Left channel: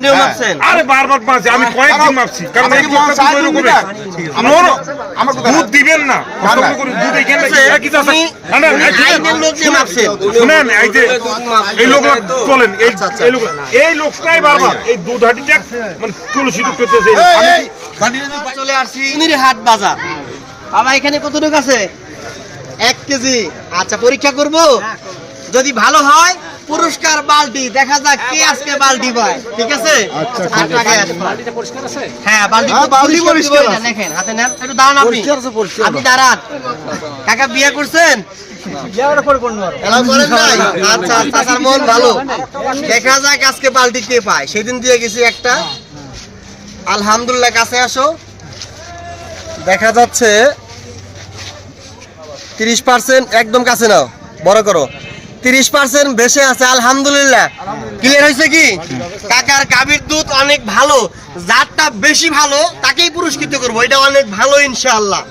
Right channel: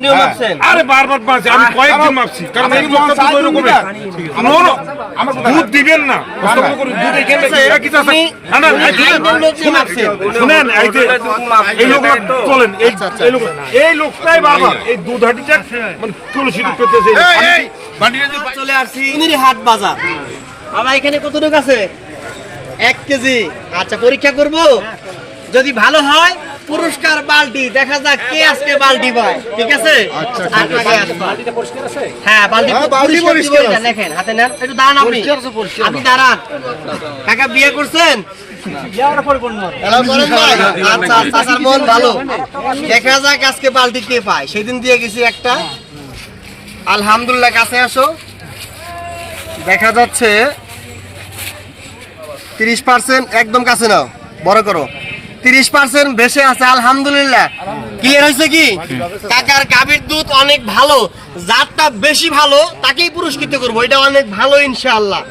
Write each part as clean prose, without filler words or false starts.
আরে বারবার মাপছি, আমি কয়েকদিন মাপছি, কারণ এই লোকটা দুধ ওই রকমের। দুধ দিবেন না, কষ্ট করে দুধ এখানে একই চাষা। শুনেন, এই যে এই লোকরা চলেন, এই লোকটাই বারবার এই দুধ হাটিটা মানে তুলসী দুধ করতেছে। চলে আসছি হাট বাজার। আমার এখানে কতটুকু আছে? 1 কেজি। আচ্ছা, পরীক্ষা করব, যদি ভালো হয় পুরস্কার বালতি। দেখা যাক কে আজকে বালতি পায়। ঠিক আছে? হ্যাঁ, বালতি পরিষ্কার আছে। দেখেন, হাতে নেন, একটু দাঁড়ান। আপনি দাঁড়ান। কাকা বিয়ে করছেন? আচ্ছা, আচ্ছা, মন ভালো। দেখা যাক আজকে বালতি কে পায়। সেদিন দিয়ে গেছি একটা। আলহামদুলিল্লাহ, কাছে আসো। দেখা যাচ্ছে 30%। একদম কাছে নাও, বড় করো। 30% বেশি আছে। আলহামদুলিল্লাহ, ক্লিয়ার হয়েছে কি? কাকার গাভীর দুধ অনেক ভালো, যারটা বেশি ভালো তাকেই পুরস্কৃত করবো। এটা অনেক ভালো ইনশাআল্লাহ।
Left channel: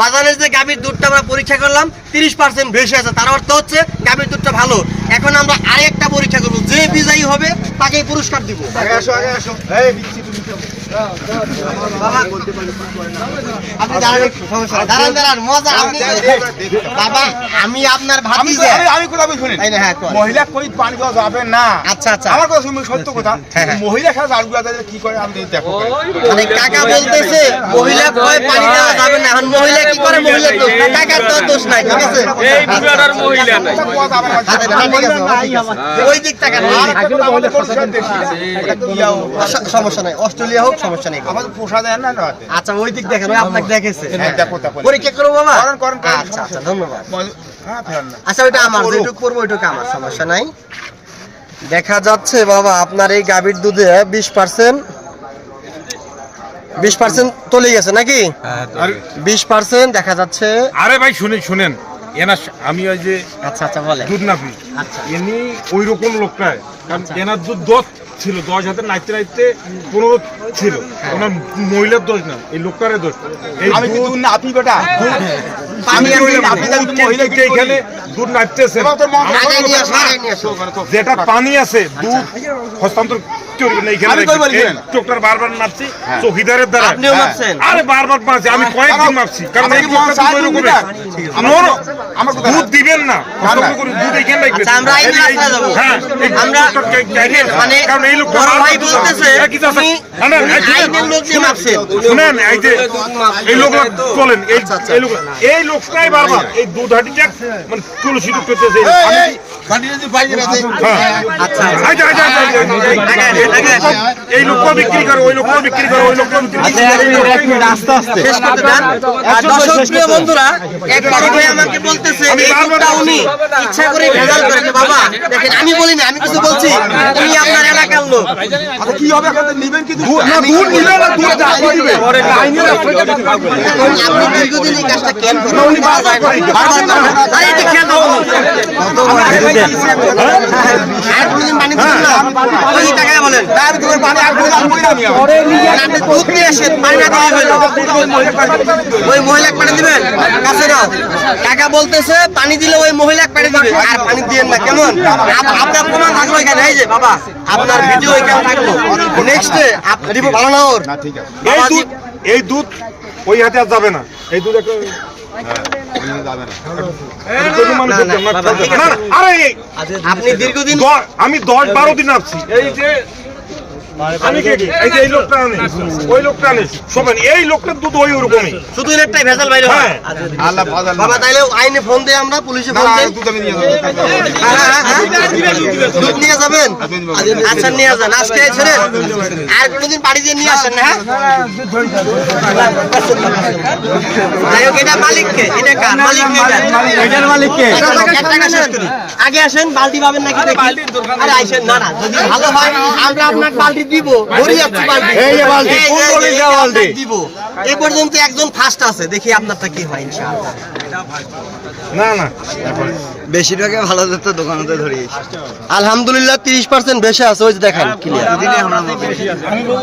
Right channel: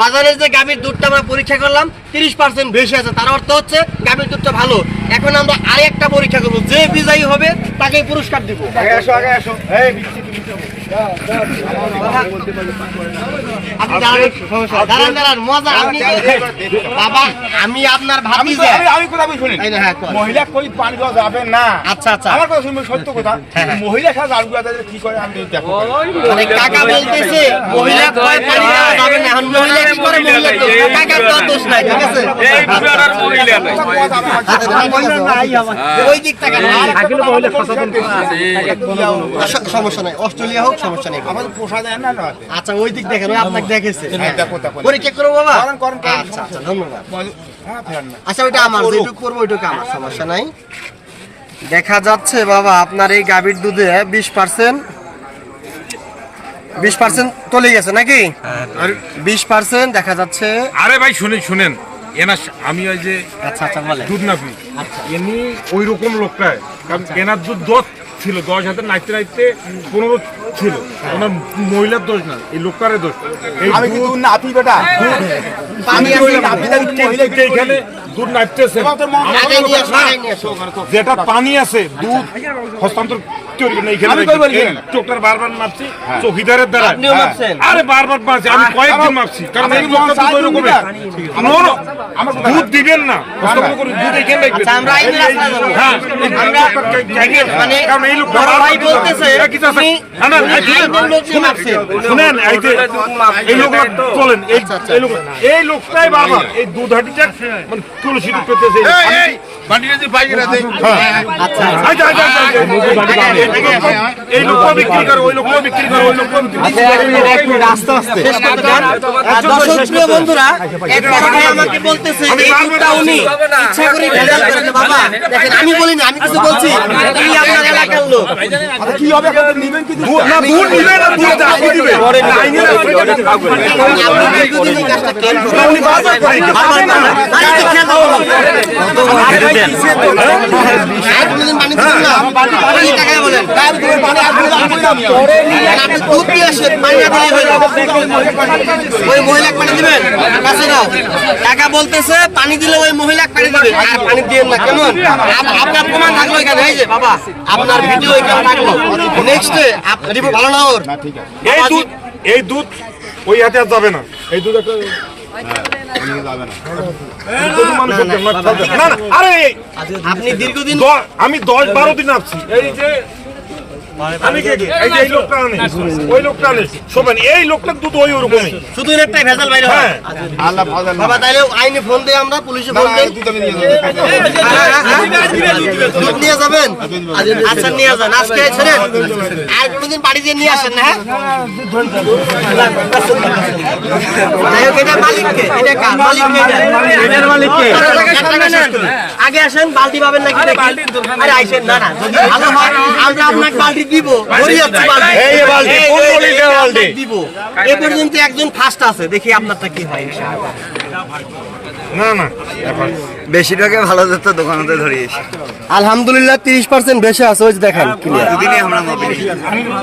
বাজারের যে গাভীর দুধটা আমরা পরীক্ষা করলাম 30% বেশি আছে, তার অর্থ হচ্ছে গাভীর দুধটা ভালো। এখন আমরা আরেকটা পরীক্ষা করবো, যে বিজয়ী হবে তাকেই পুরস্কার দিব। আপনি দাঁড়ান, দাঁড়ান, মজা। আপনি বাবা, আমি আপনার ভাতিজা। আমি কথা বলি, শুনেন, মহিলা কই পানি দেওয়া যাবে না। আচ্ছা, আচ্ছা, আমার কথা শুনবেন, সত্য কথা। মহিলা খেলা জারগুলা কি করে আমি দেখো। মানে কাকা বলতেছে মহিলা কই পানি দেওয়া যাবে না। এখন মহিলা কি করে? মহিলা দোষ, কাকার তো দোষ নাই। ঠিক আছে? ওই দিক থেকে সমস্যা নাই, অস্ট্রেলিয়া হোক, সমস্যা নেই। আচ্ছা, ওই দিক দেখেন, আপনাকে দেখেছে। পরীক্ষা করবো বাবা? আচ্ছা, আচ্ছা, ধন্যবাদ। আচ্ছা, ওইটা আমার, যেটুকু করবো ওইটুকু আমার, সমস্যা নাই। দেখা যাচ্ছে বাবা আপনার এই গাভীর দুধে 20% চলে গেছে নাকি? 20% দেখা যাচ্ছে। আরে ভাই শুনেন, এনার আমি ওই যে আচ্ছা, আচ্ছা, বলে দুধ নাপি। আচ্ছা, এমনি ওই রকম লোকটাই, কারণ এনার দুধ 10 ছিল, 10 হাতে নাচতে নাচতে 15 ছিল। ওনার মহিলার দোষ না, এই লোকটারের দোষ। আমি কি দুধ নাপি বেটা? এখানে দুধ নাচতেছে, যেটা পানি আছে দুধ হস্তান্তর বারবার মাপছি চৌকিদারের দ্বারা। আরে বারবার মাপছি, আমি কয়েকদিন মাপছি, কারণ এই লোকটা দুধ ওই রকমের। দুধ দিবেন না, হস্তান্তর করে দুধ এখানে রাখবেন। হ্যাঁ, আমরা মানে বড় ভাই বলতেছে শুনেন, এই যে এই লোকরা চলেন, এই লোকটাই বারবার এই দুধ হাটিটা মানে তুলসী দুধ করতেছে। এই লোকটা বিক্রি করে, ওই লোকটা বিক্রি করে, ওই লোকটা দর্শক বন্ধুরা, এক বড় ভাই আমাকে বলতেছে এই দুধটা উনি ইচ্ছা করে ভেজাল করেন। বাবা দেখেন, আমি বলিনি, আমি কিছু বলছি, উনি আপনার এলাকার লোক। কি হবে এখন? নেবেন কি? আপনি দীর্ঘদিন এই কাজটা কেন করেন? আর কোনদিন পানি দিবেন না? ওই টাকায় বলেন আপনি দুধ দিয়ে আসেন, পানি না দিলে হইল। ওই মহিলা পানি দিবেন কাছে না? টাকা বলতেছে পানি দিলে ওই মহিলা পানি দিবে, আর পানি দিবেন না। কেমন? আপনার প্রমাণ থাকলো এখানে। এই যে বাবা, আপনার ভিডিও এখানে থাকলো। নেক্সট আপনি দিব, ভালো না ওর? এই দুধ ওই হাতে আর যাবে না। এই দুধ একটা আপনি দীর্ঘদিন, আমি 10-12 দিন আসছি। এই যে এই লোকটা আনে, ওই লোকটা আনে, শোনেন, এই লোকটার দুধ ওই ওরকমই, শুধু একটাই ভেজাল বাইরে হয়। বাবা তাইলে আইনে ফোন দেয়, আমরা পুলিশে ফোন দেই। দুধ নিয়ে যাবেন? আচ্ছা, নিয়ে যান। আজকে ছেড়ে আর কোনোদিন বাড়ি দিয়ে নিয়ে আসেন না। এটা মালিককে, এটা কার? মালিককে। আগে আসেন, বালতি পাবেন নাকি দেখি। আরে আইসেন না, না, যদি ভালো হয় আমরা আপনার বালতি দিব। দিব। এ পর্যন্ত একজন ফার্স্ট আছে, দেখি আপনারটা কি হয় ইনশাআল্লাহ। না না, বেশিরভাগে ভালো যেত দোকানতে ধরিয়েছি। আলহামদুলিল্লাহ 30% বেশি আছে। ওই যে দেখেন,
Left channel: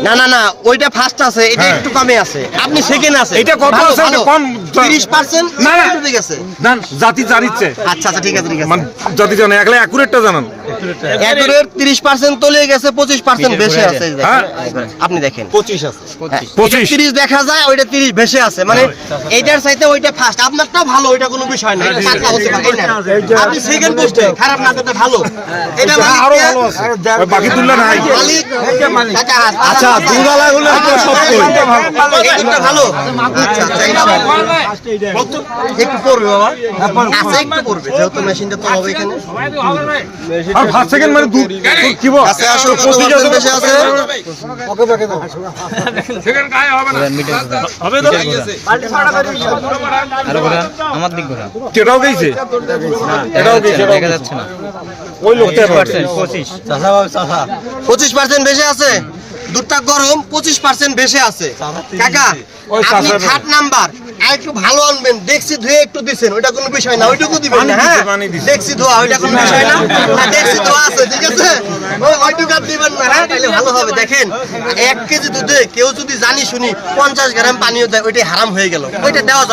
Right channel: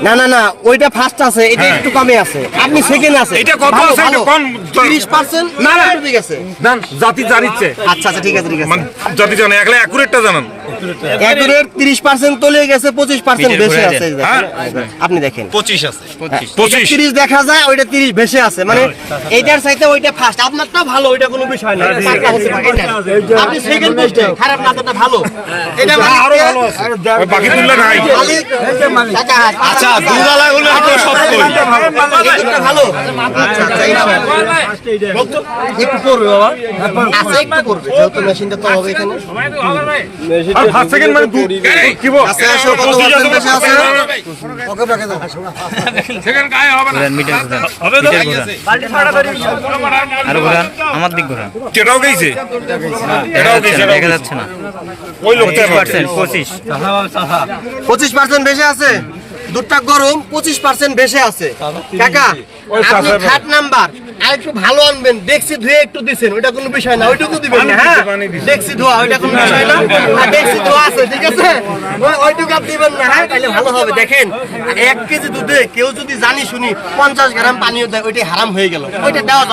না না না, ওইটা ফার্স্ট আছে, এটা একটু কমে আছে। আপনি সেকেন্ড আছে, এটা কত ভালো আছে? ভালো। কম 30% না না, ঠিক আছে। জান জাতি জানিচ্ছে। আচ্ছা, আচ্ছা, ঠিক আছে, ঠিক আছে। মানে জাতি জানে, একলা অ্যাকুরেটটা জানেন। অ্যাকুরেট 30% চলে গেছে, 25% বেশি আছে। size দেখেন। আপনি দেখেন 25 আছে 25 30 দেখা যায়, ওইটা 30 বেশি আছে, মানে এইটার চাইতে ওইটা ফার্স্ট। আপনারটাও ভালো, ওইটা কোনো বিষয় না, একটু পাতলা হচ্ছে ভাই, এই নেন। আপনি সেকেন্ড পোস্টে খারাপ না, তো ভালো। এটা মালিক আরো ভালো আছে বাকি তুললে নাই মালিক টাকা হাত। আচ্ছা দুধালা হলো আপনি সস্তা এই দুটো ভালো। আচ্ছা, একটু পড়বে বাবা, আচ্ছা একটু পড়বে, যেহেতু মেশিনটা তো হবে এখানে। আর 5 সেকেন্ড মানে দুধ কি বল কাছে আসো, কত পার্সেন্ট বেশি আছে? সেকেন্ড গায়ে হবে না আরো ঘোরান, আমার দিক ঘোরান। কেটাও গেছে দেখা যাচ্ছে না। ওই লোকটা 25% বেশি আছে, দুধটা গরম, 25% বেশি আছে। কাকা আপনি খাট নাম্বার আর একটু ভালো আনবেন, দেখছি ধুয়ে একটু দিছেন, ওইটা কোনো বিষয় না, ওইটুকু দিবেন না। হ্যাঁ দেখছি ধোয়া, ওইটা কোনো বিষয় না, আর দেখছি ধোয়া আছে, ঠিক আছে, ওইটুকু আর দিবেন না। হ্যাঁ তাহলে ভালো হবে। দেখেন 1 কেজি দুধে কেউ যদি জানি শুনি 50 গ্রাম পানিও দেয়, ওইটাই হারাম হয়ে গেল, ওইটা দেওয়া যাবে